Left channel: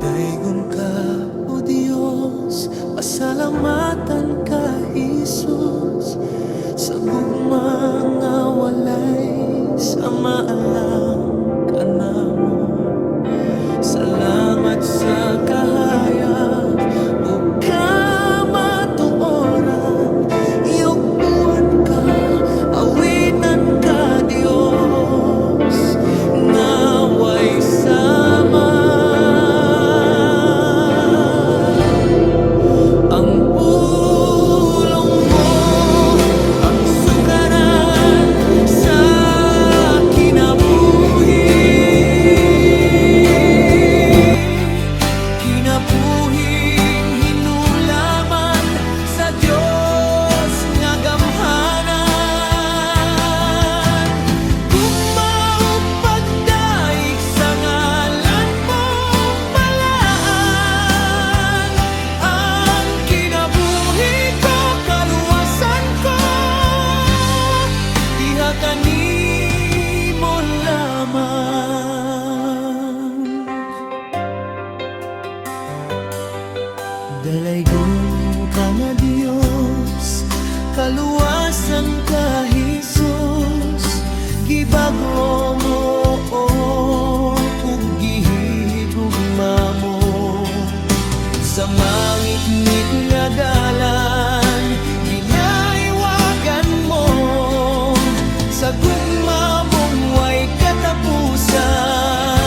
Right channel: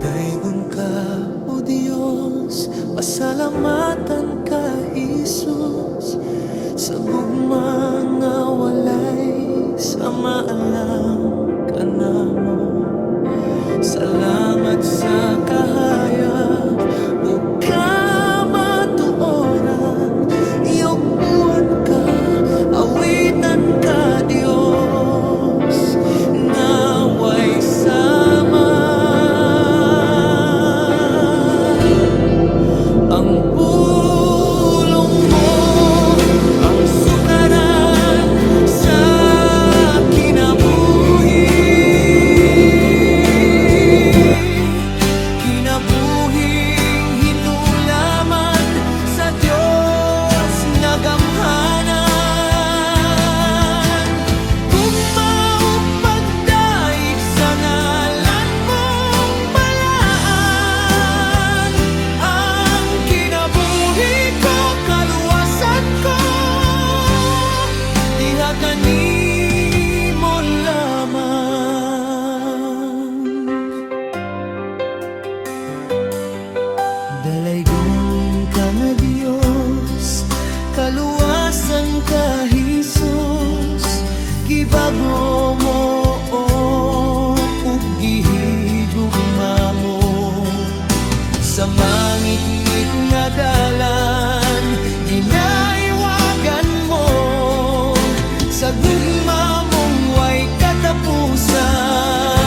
Daigon ka, O Diyos, pasalamatan ka, Jesus, sa gugmang nga walay samaalang ka namo. Salamat sa kahayag ug kamatuoran, iyugbuan ka, awitan ka, Dios, nga way sama. Ang pulong mo ang sukaran sa kinabuhi, kinabuhing hinulaman sa Dios nga gamhanan. Gugmao pagdaig sa ngalan mong balaan, ang kinabuhi ko, kaluwasan ko, diha kanimo lamang. Dalaygon ka nga Dios, kaluwasan ka, Jesus, gibago mo ug gihigugma mo sa mangit-ngit nga dalan, ginaiwagan mo sa gugma mong way katapusan.